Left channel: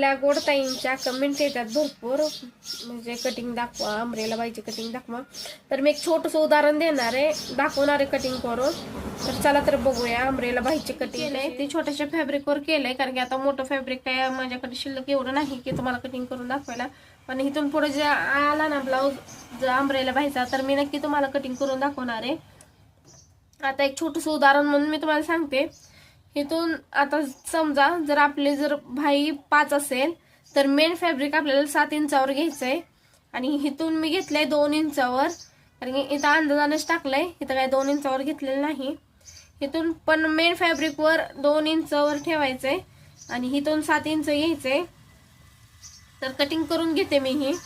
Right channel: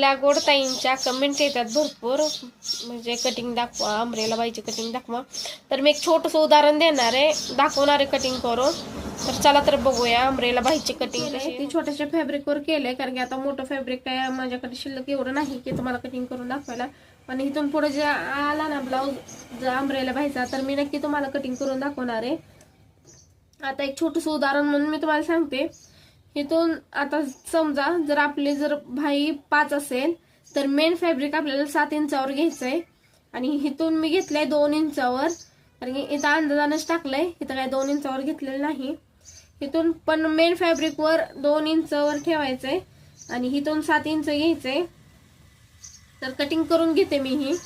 लागवडताईंच्या comment येतात भरपूर, म्हणजे कटिंग दाखवा, अम्ब्रेला बाईची कटिंग दाखवा. तर मी एक छोटंसं उदाहरण देणार आहे, दाखवणार आहे कटिंग करून. तर चला तर बघूया अम्ब्रेला बाईची कटिंग. ती छोट्याशा फॅब्रिकवर केलंय, कारण की आता मोठं फॅब्रिक काय माझ्याकडे शिल्लक एवढं नाही की तुम्हाला कटिंग करून दाखवायला. पण इथून पुढे जे आला ना ब्लाऊज जो अम्ब्रेला बाईचा, तर मी नक्की तुम्हाला कटिंग करून दाखवणार आहे. आता एक छोटंसं उदाहरण म्हणून मी तुम्हाला सांगते. इथून आता समजा जर भाई 5 असेल तर मेन फॅब्रिक आपल्याला 7 इंचावर घ्यायचंय, आणि इथून मी घेतलंय 2 इंचावर, कारण इथं अंदाजानेच टाकलंय, इथं काय 2 इंचावर घेतलेलं नाही. इथून पण मेन फॅब्रिक वर 2 इंचावर ठेवायचंय आणि इथून 7 इंच घ्यायचंय. तर कटिंग करून घेते मी ही.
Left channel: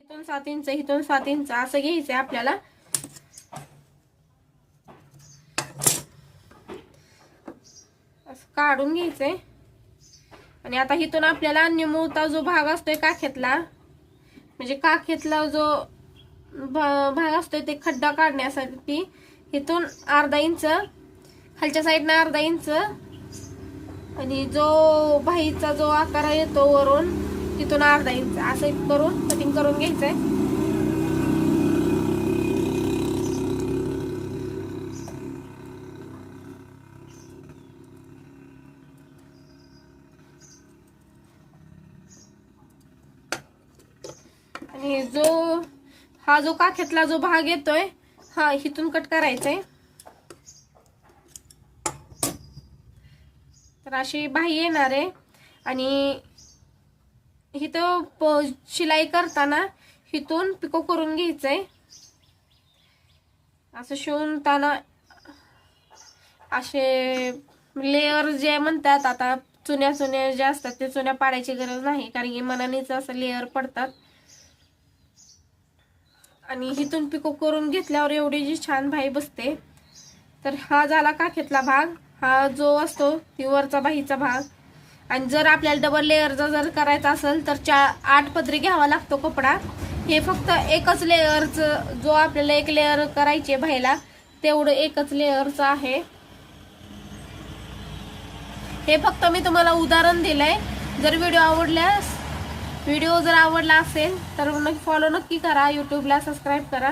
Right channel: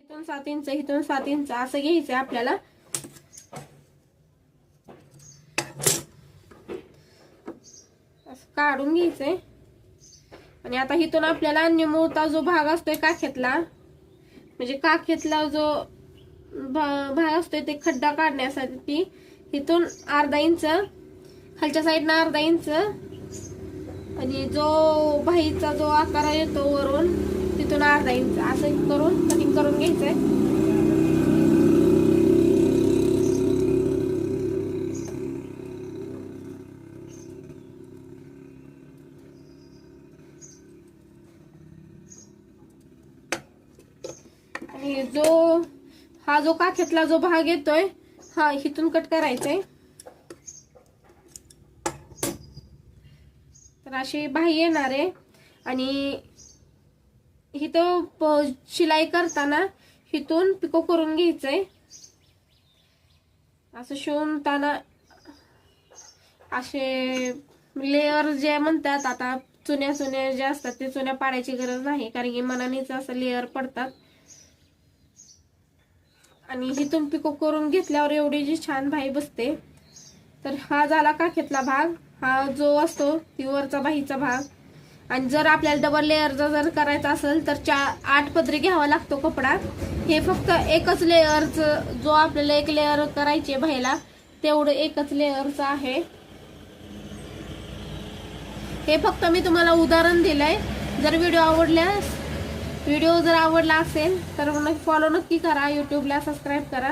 इथून 7 इंच, इथून 7 इंच असं घ्यायचंय आपल्याला. असं काढून घ्यायचंय. आणि आता इथून आपल्याला निमुळता जो भाग असतोय काखेतला, म्हणजे काखेतला जो भाग असतोय ते खड्डा काढण्यासाठी इथून अर्धा इंच, खालच्या साईडने अर्धा इंच, आणि जो भाईचा जो आकार येतो वरून तिथून अर्धा इंच असं करून कटिंग करून घ्यायचंय. आणि जो काखेतला जो भाग येतोय हा इथून कट करायचंय. तर अशी बाही येणार आहे. आणि इथं शिलाई करताना इथून पिको करून घ्यायचंय. असं शिवताना असे लेअर जे म्हणतात, आता चुन्या जे असतात ते चुन्या पाडायची गरज नाही, कारण की मनानेच असं लेअर पडतात. आणि इथून पिको करून घेतल्यावर एवढी जी छान भाई बसते. तर हा झाला काखेतला भाग, हा जो असतो वरचा बाहीचा भाग. आणि जर आपल्याला डबल लेअरचा जर करायचा असेल तर 8 पदरी घ्यावा लागतो कपडा. हे फक्त एकच लेअरचं, जो आपल्याला एक लेअर करायचे भाईला तेवढं एकच लेअरचं आहे. हे फक्त मी तुम्हाला उदाहरण दिलंय. जर व्हिडिओ जर आवडला असेल तर फॉलो नक्की करा, युट्यूबला सबस्क्राईब करा.